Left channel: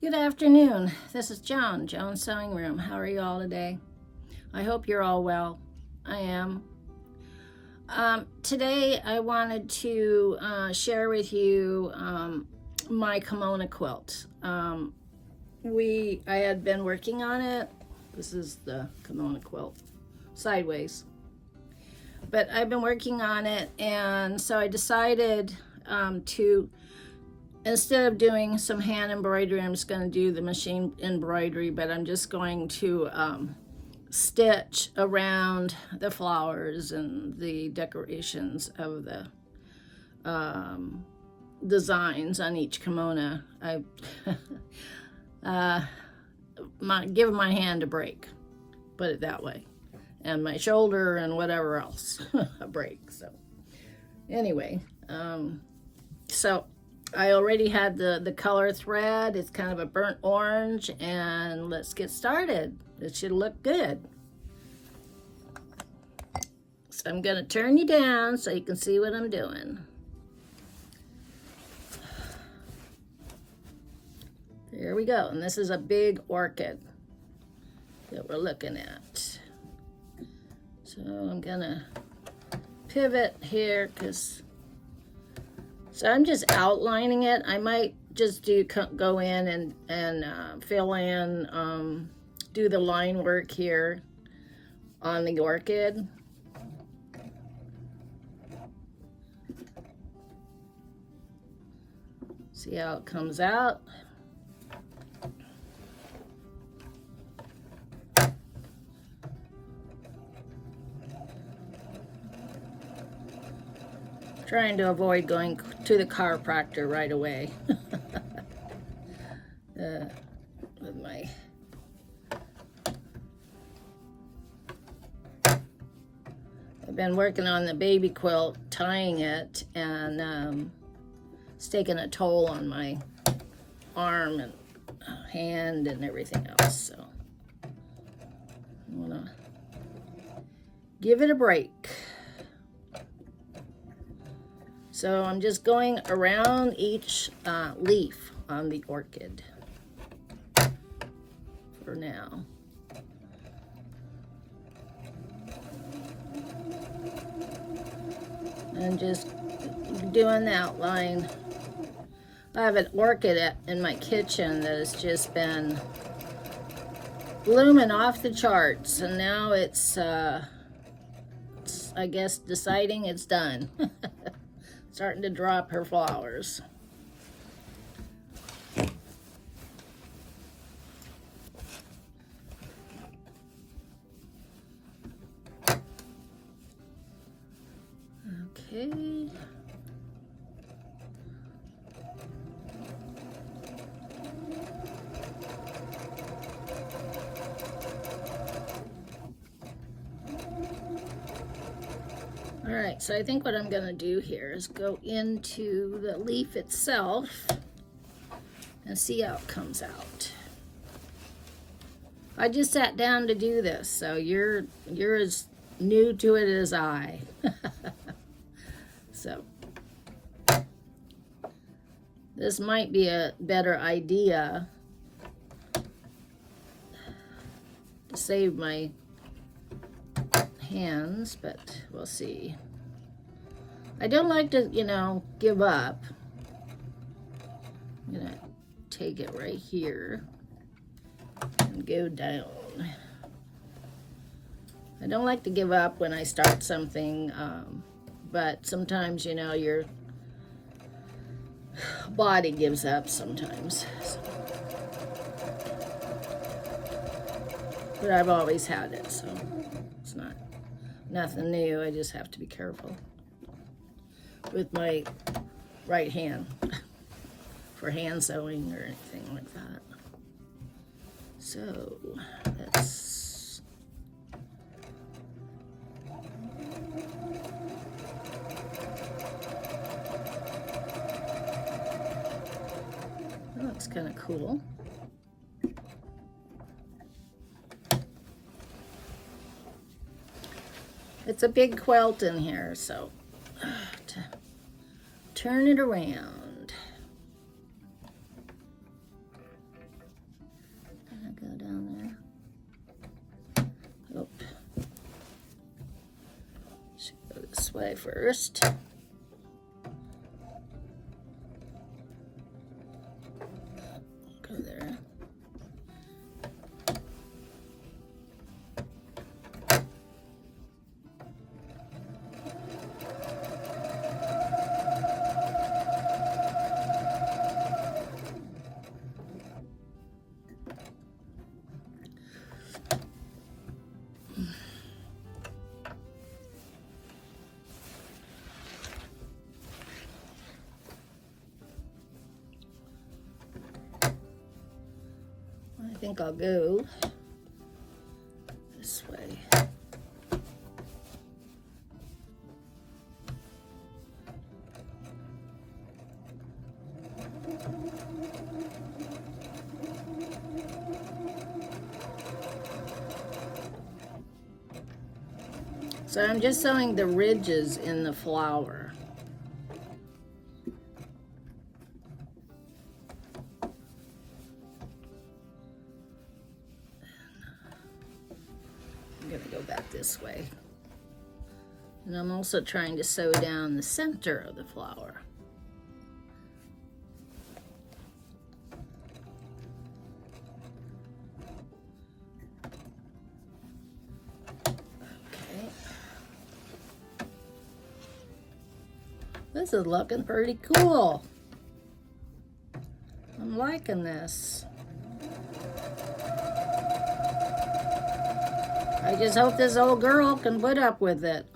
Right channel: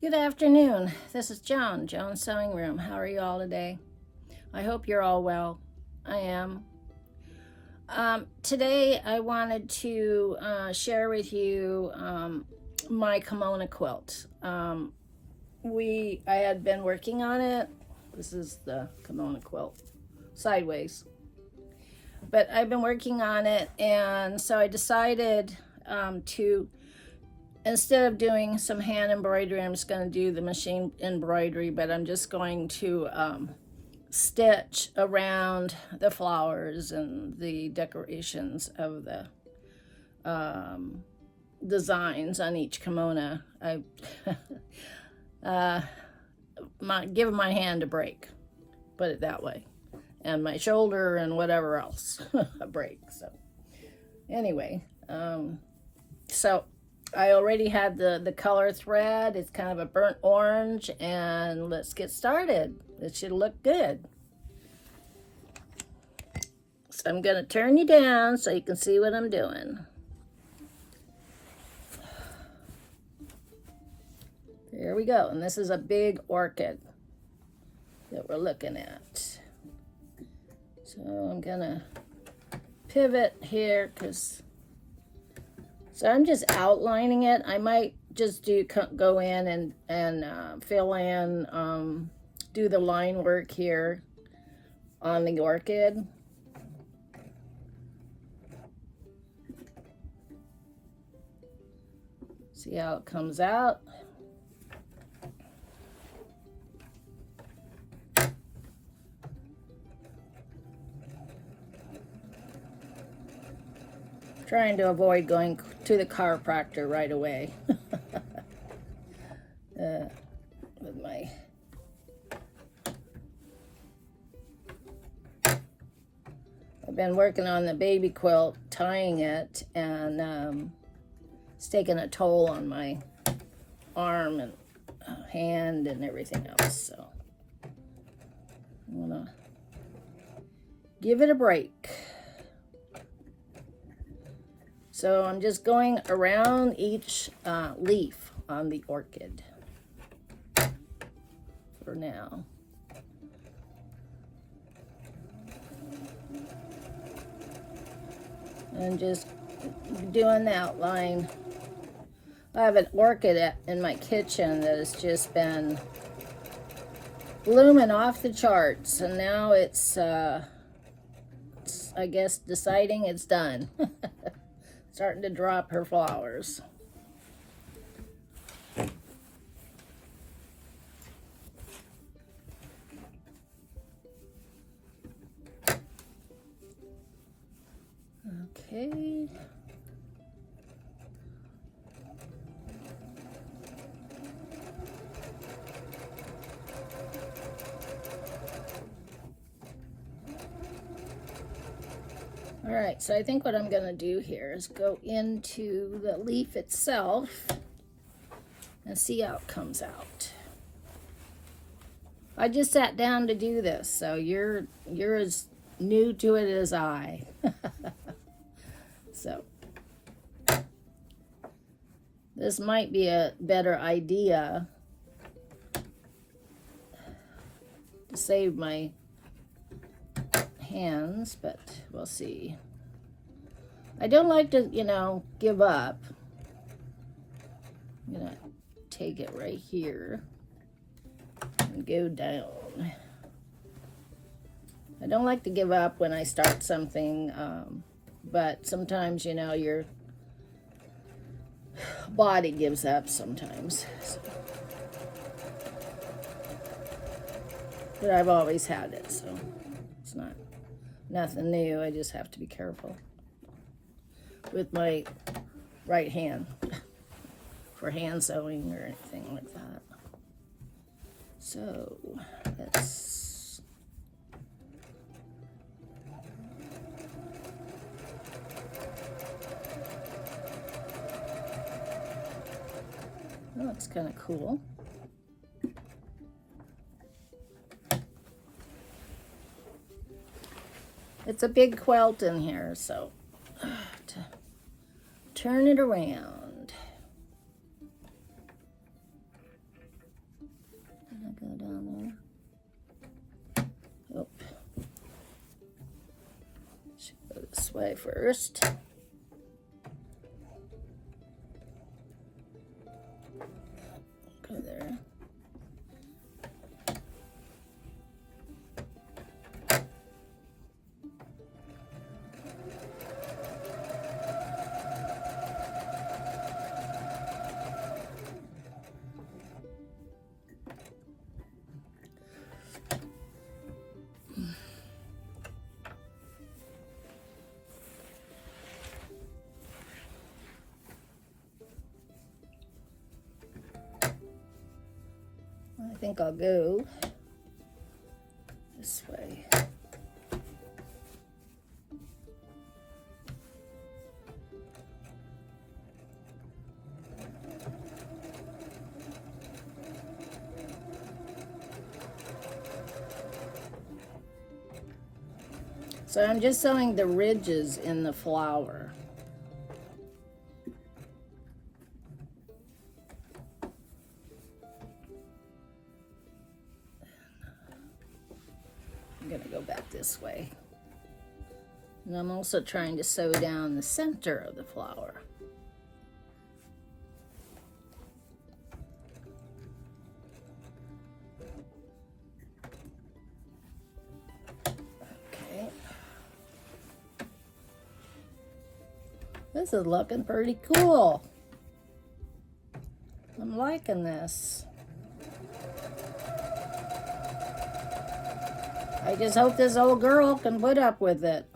Good afternoon. This is John's Sewing Room. How are you all today? I hope you're all well. I am. Today I wanted to share with you my kimono quilt. I had been working on it. This is the kimono quilt, sideways. But I've been working on it, and so I decided to, instead of doing some hand embroidery, I'm just going to do the machine embroidery, but I'm just going to stitch around the flowers and the decorations of the designs on each kimono. I give my hand a break, put it that way, and my shoulder and whatever else a break. So anyway, so I already had the color thread. It's kind of a burnt orange, and let's get started. It should look good. So I'm gonna turn you down so you can see what I'm doing. There we go, and this is a big orchid that we're looking at. So I'm gonna pivot here so I'm just outlining it. I might just go in and fill in, do the line work here on the orchid. See how it comes out. Trying to avoid going to the chiropractor right away. With my I've been working on the baby quilt, tying it, and it's taking a toll on my arm and hand and everything else. So I want to give it a break. So I'm just going around each leaf on the orchid for now. And just doing the outline. I have an orchid in my kitchen that has just been blooming off the charts, and now it's I guess deciding it's done. Starting to drop her flowers. Okay. All right, so I think what I'm gonna do here is go into the leaf itself and see how it comes out. I just sat down to do this, so you're as new to it as I. So this might be a better idea to save my hands, but we'll see. I don't like to, give up. I'm gonna take it right here and go down. I don't like to give up when I start something, but sometimes, your body gives up sometimes. So. But I've always had it, so it's nothing new. I just have to be careful with my right hand for hand sewing or anything like that. So that's that's kind of cool. It's a big quilt in here, so to turn it around. go down there. Oh, should go this way first. Go there. I think I'll go this way. So I'm just sewing the ridges in the flower. I'm going to go back this way. And I'm also trying to sew down the center of the flower. Okay. This is looking pretty cool. I'm liking this. I just hope this old girl can put up with it.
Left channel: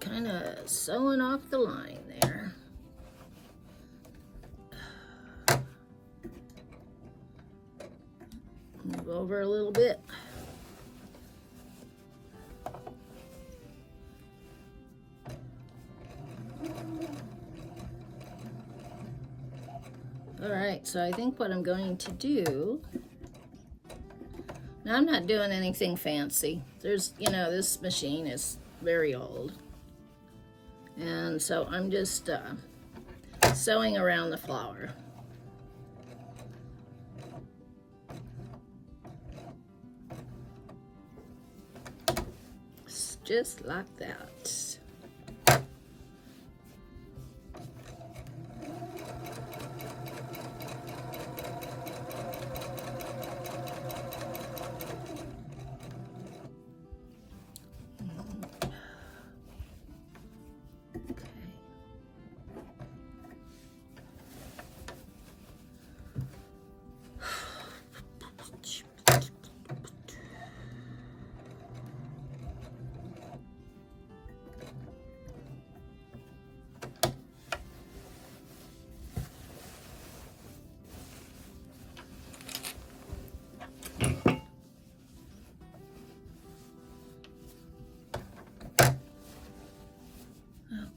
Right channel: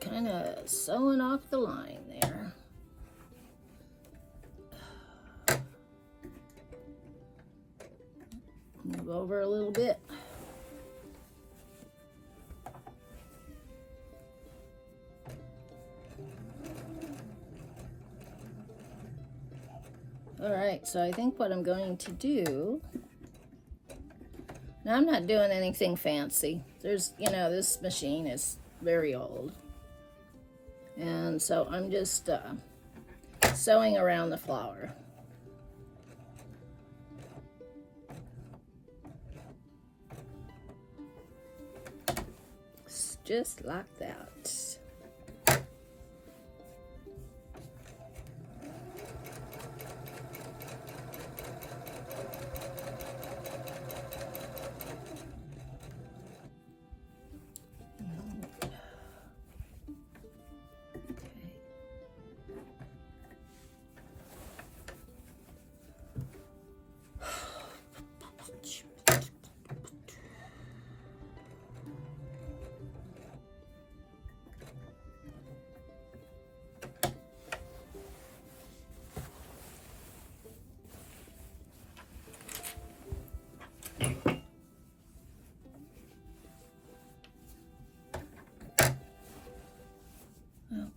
Kind of sewing off the line there. Move over a little bit. All right, so I think what I'm going to do, now I'm not doing anything fancy. There's, you know, this machine is very old. And so I'm just sewing around the flower. Just like that.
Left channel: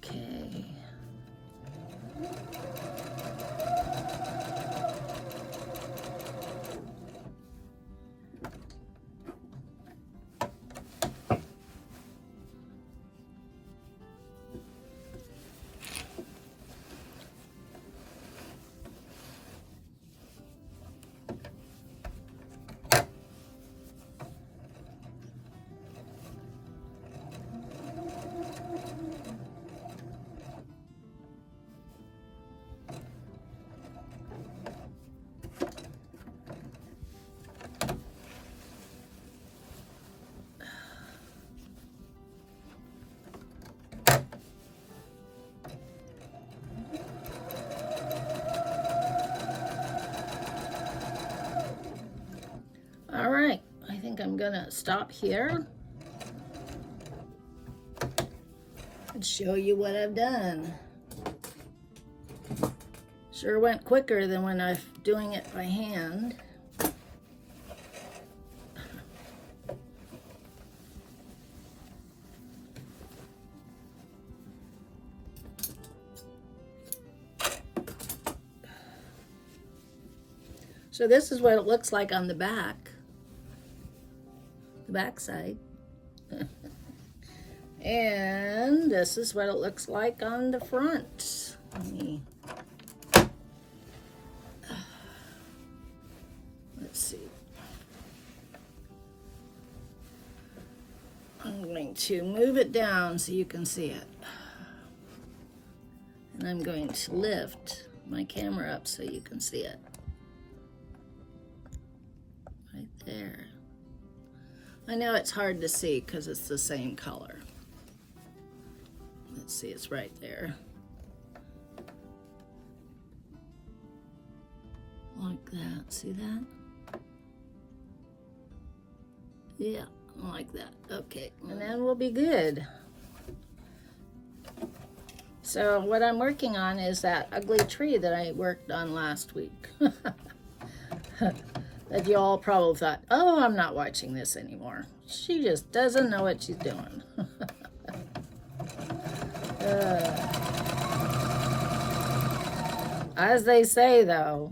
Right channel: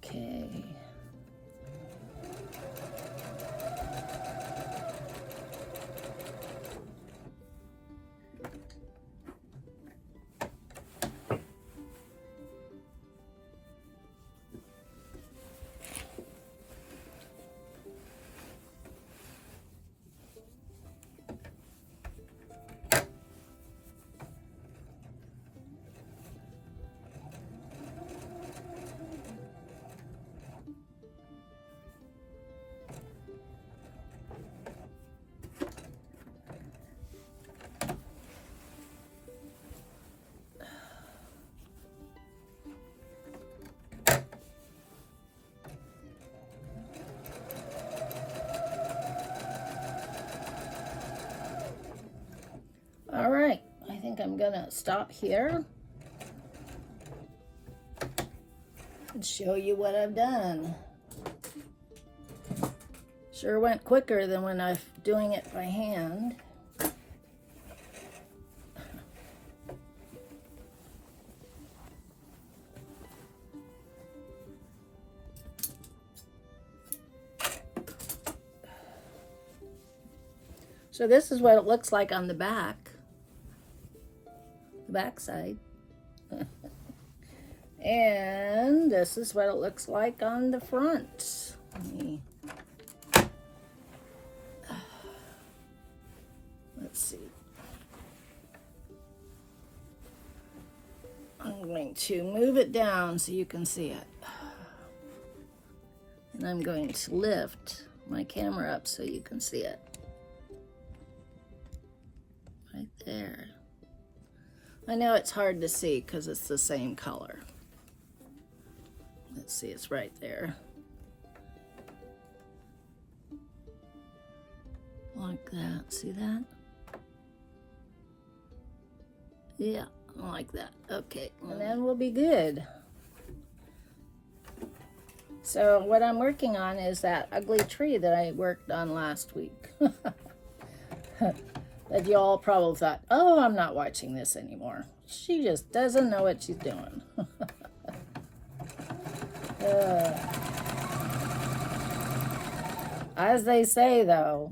Okay. All right, I think I'm gonna stop here and show you what I've done. Sure went quicker than when I was doing it by hand. So this is what it looks like on the back side. And this is what it looks like on the front. Let's see. I'm going to move it down so you can see it. And I'm going to lift my camera up so you can see it. Right there. I know it's hard to see because it's the same color. Let's see, it's right there. Like that, see that? Yeah, like that, okay. And then we'll be good. So what I'm working on is that ugly tree that I worked on last week. That you all probably thought, oh, I'm not watching this anymore. She just doesn't know what she's doing. As they say, though,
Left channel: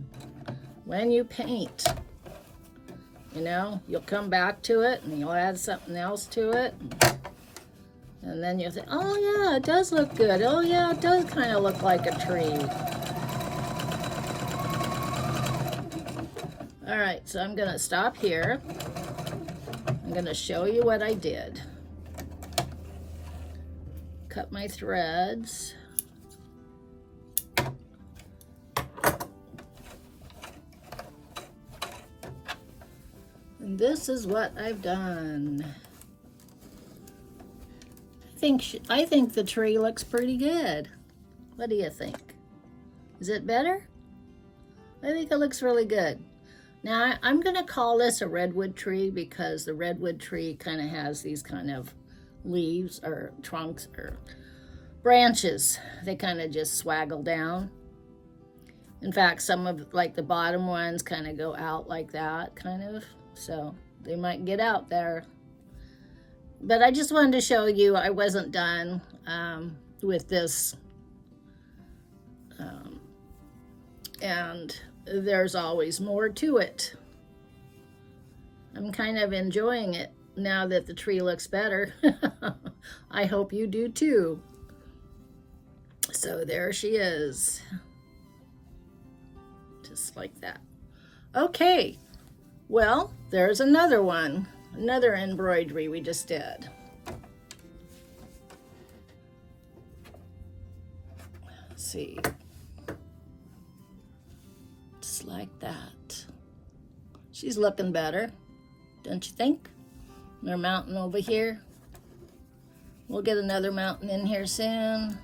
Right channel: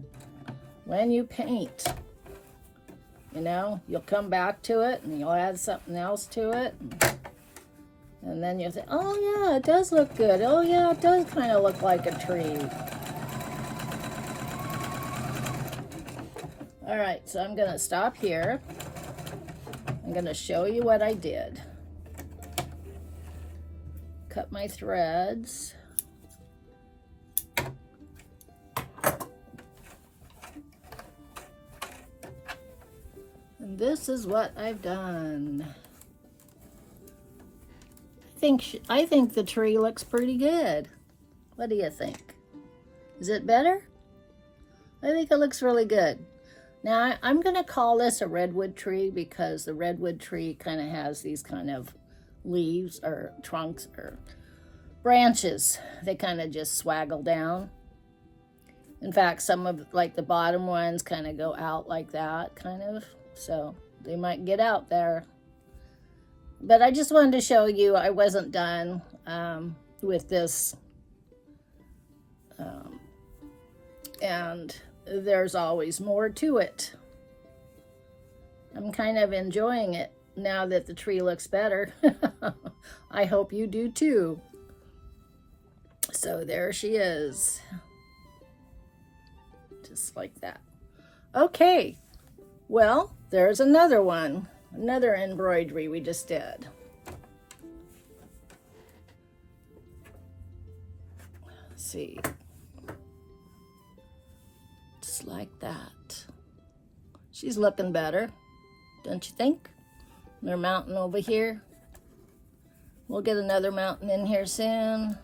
when you paint, you know, you'll come back to it and you'll add something else to it. And then you'll think, oh, yeah, it does look good. Oh, yeah, it does kind of look like a tree. All right, so I'm going to stop here. I'm going to show you what I did. Cut my threads. And this is what I've done. I think the tree looks pretty good. What do you think? Is it better? I think it looks really good. Now, I'm going to call this a redwood tree because the redwood tree kind of has these kind of leaves or trunks or branches. They kind of just swaggle down. In fact, some of like the bottom ones kind of go out like that, kind of. So they might get out there. But I just wanted to show you I wasn't done with this. And there's always more to it. I'm kind of enjoying it now that the tree looks better. I hope you do too. So there she is. Just like that. Okay, well, there's another one. Another embroidery we just did. Let's see. Just like that. She's looking better, don't you think? Another mountain over here. We'll get another mountain in here soon.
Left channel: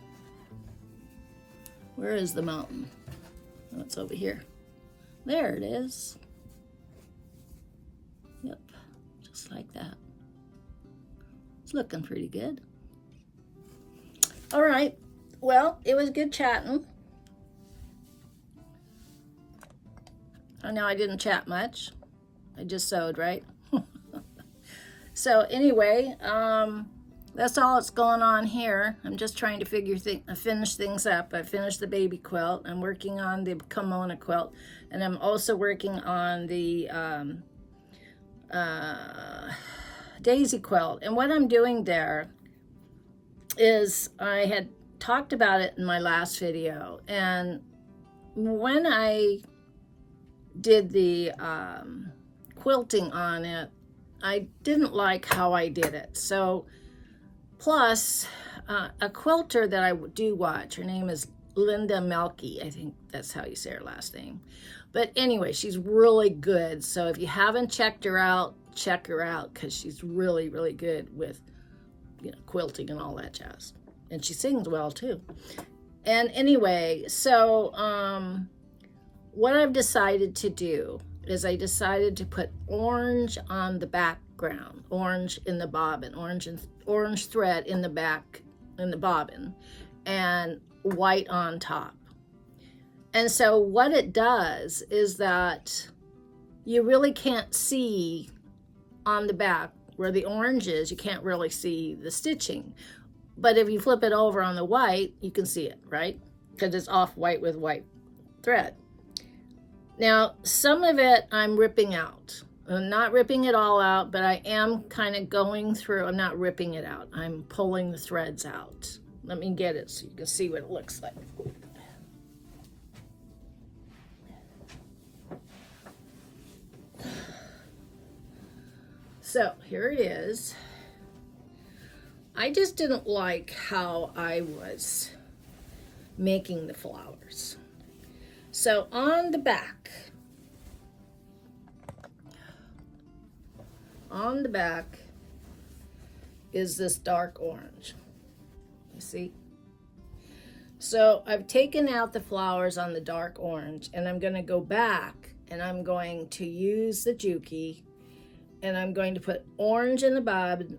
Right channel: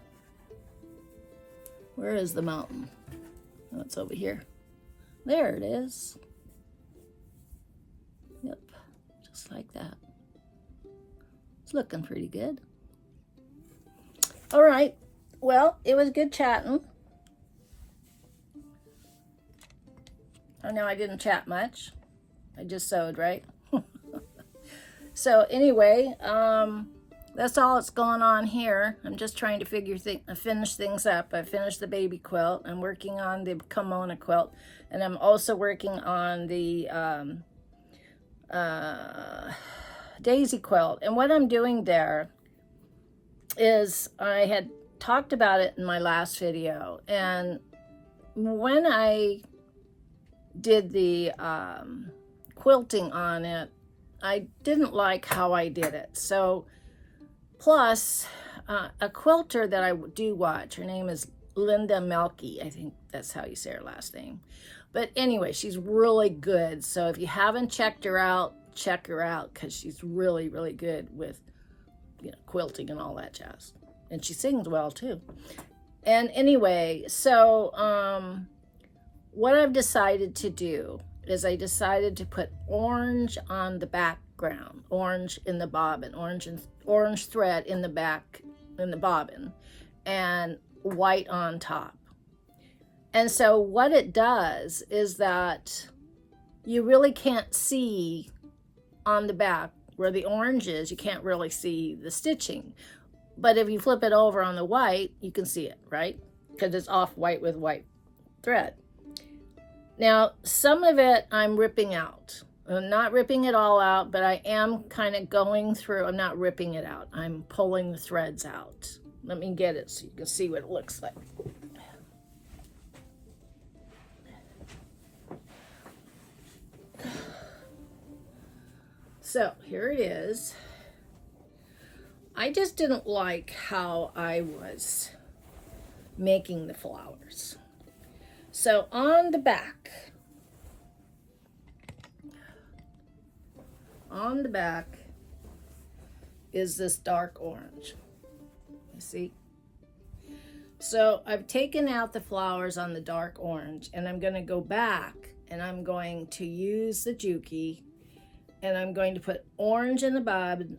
Where is the mountain? Oh, it's over here. There it is. Yep, just like that. It's looking pretty good. All right, well, it was good chatting. I know I didn't chat much. I just sewed, right? So anyway, that's all that's going on here. I'm just trying to finish things up. I finished the baby quilt. I'm working on the kimono quilt, and I'm also working on the daisy quilt. And what I'm doing there is, I had talked about it in my last video, and when I did the quilting on it, I didn't like how I did it. So plus a quilter that I do watch, her name is Linda Melky. I think that's how you say her last name. But anyway, she's really good. So if you haven't checked her out, check her out, because she's really, really good with, you know, quilting and all that jazz. And she sings well too. And anyway, so what I've decided to do is I decided to put orange on the background, orange in the bobbin, orange thread in the back, in the bobbin, and white on top. And so what it does is that you really can't see on the back where the orange is, you can't really see the stitching. But if you flip it over on the white, you can see it, right? Because it's off white with white thread. Now, some of it I'm ripping out. I'm not ripping it all out, but I am kind of going through. I'm not ripping it out. I'm pulling the threads out. Let me get it so you can see what it looks like. So here it is. I just didn't like how I was making the flowers. So on the back is this dark orange. You see? So I've taken out the flowers on the dark orange, and I'm going to go back and I'm going to use the Juki, and I'm going to put orange in the bobbin,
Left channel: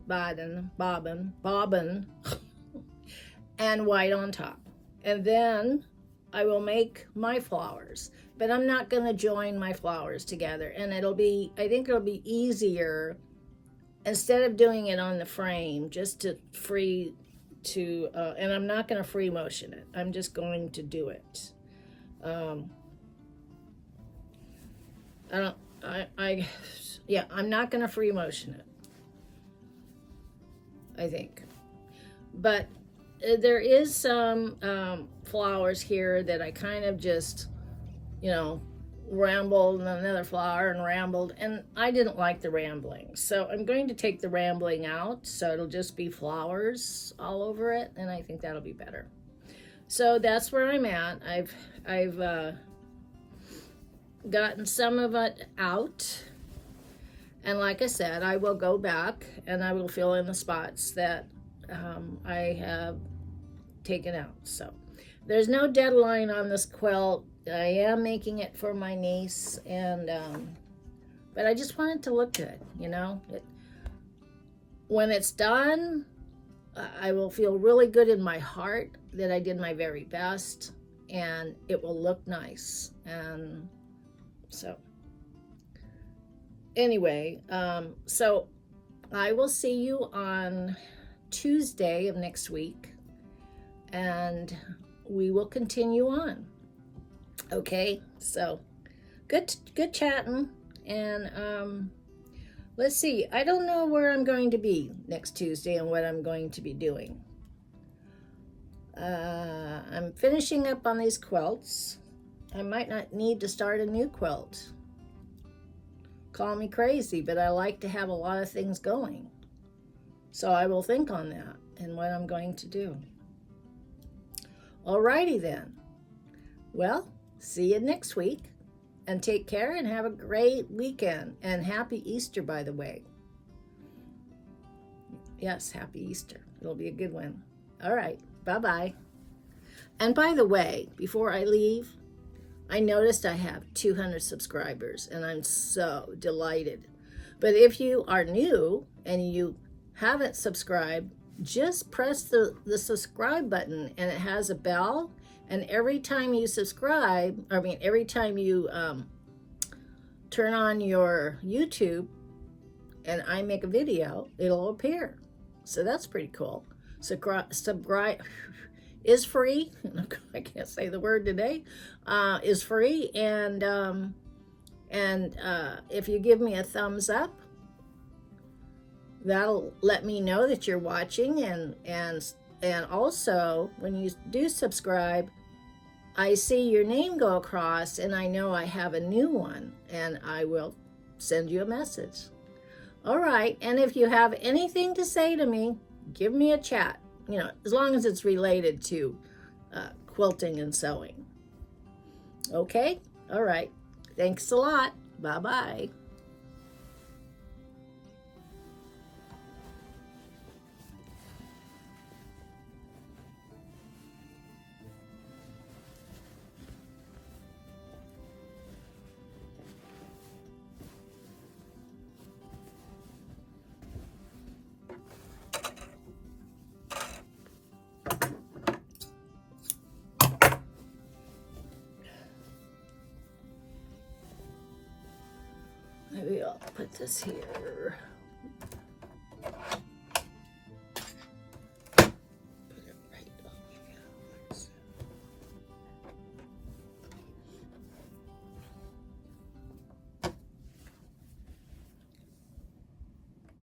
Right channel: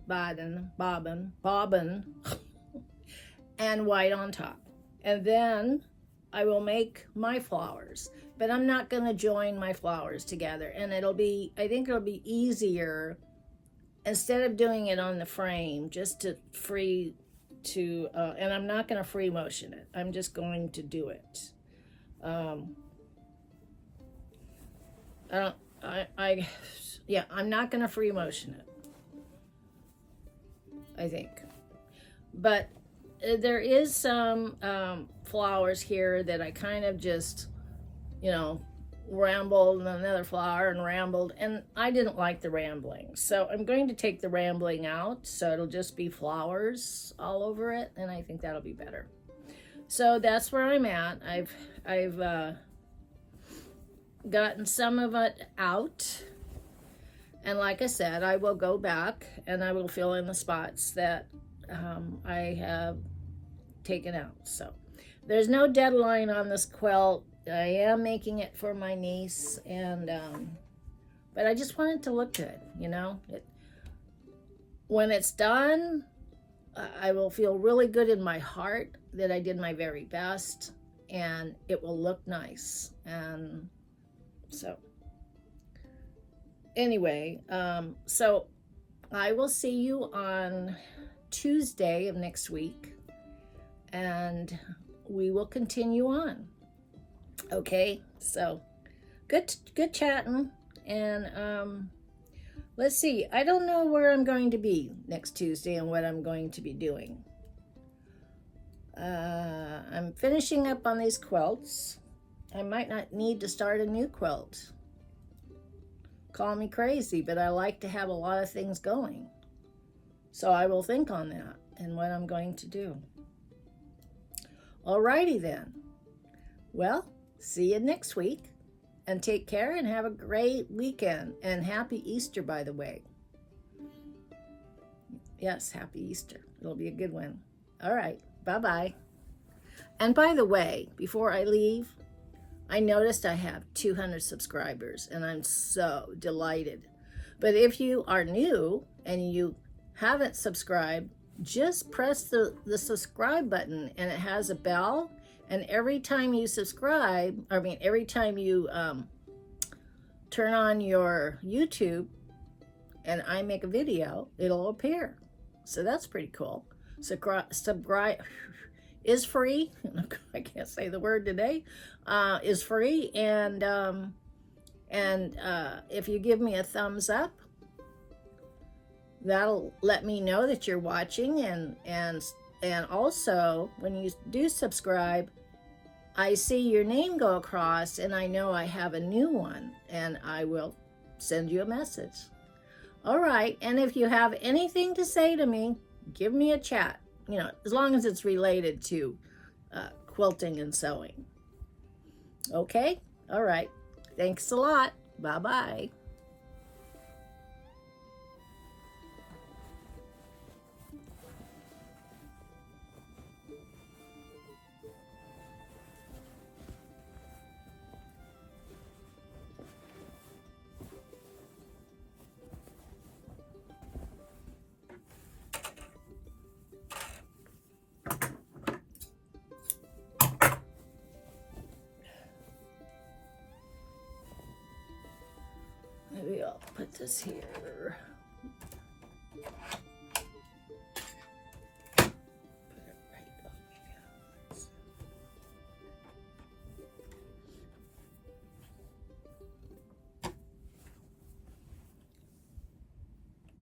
and white on top. And then I will make my flowers, but I'm not going to join my flowers together. And I think it'll be easier, instead of doing it on the frame, just to and I'm not going to free motion it. I'm just going to do it. I'm not going to free motion it, I think. But there is some flowers here that I kind of just, rambled, and another flower and rambled, and I didn't like the rambling. So I'm going to take the rambling out, so it'll just be flowers all over it, and I think that'll be better. So that's where I'm at. I've gotten some of it out, and like I said, I will go back and I will fill in the spots that I have taken out. So there's no deadline on this quilt. I am making it for my niece, and but I just want it to look good, when it's done, I will feel really good in my heart that I did my very best, and it will look nice. And so anyway, so I will see you on Tuesday of next week, and we will continue on. Okay, so good chatting, and let's see. I don't know where I'm going to be next Tuesday and what I'm going to be doing. I'm finishing up on these quilts. I might not need to start a new quilt. Call me crazy, but I like to have a lot of things going. So I will think on that and what I'm going to do. Alrighty then. Well, see you next week, and take care and have a great weekend, and happy Easter, by the way. Yes, happy Easter. It'll be a good one. All right, bye-bye. And by the way, before I leave, I noticed I have 200 subscribers, and I'm so delighted. But if you are new and you haven't subscribed, just press the subscribe button, and it has a bell. And every time you every time you turn on your YouTube and I make a video, it'll appear. So that's pretty cool. Subscribe is free. I can't say the word today. Is free, and if you give me a thumbs up, that'll let me know that you're watching, and also when you do subscribe, I see your name go across, and I know I have a new one, and I will send you a message. All right, and if you have anything to say to me, give me a chat, as long as it's related to quilting and sewing. Okay? All right. Thanks a lot. Bye-bye. Maybe I'll put this here.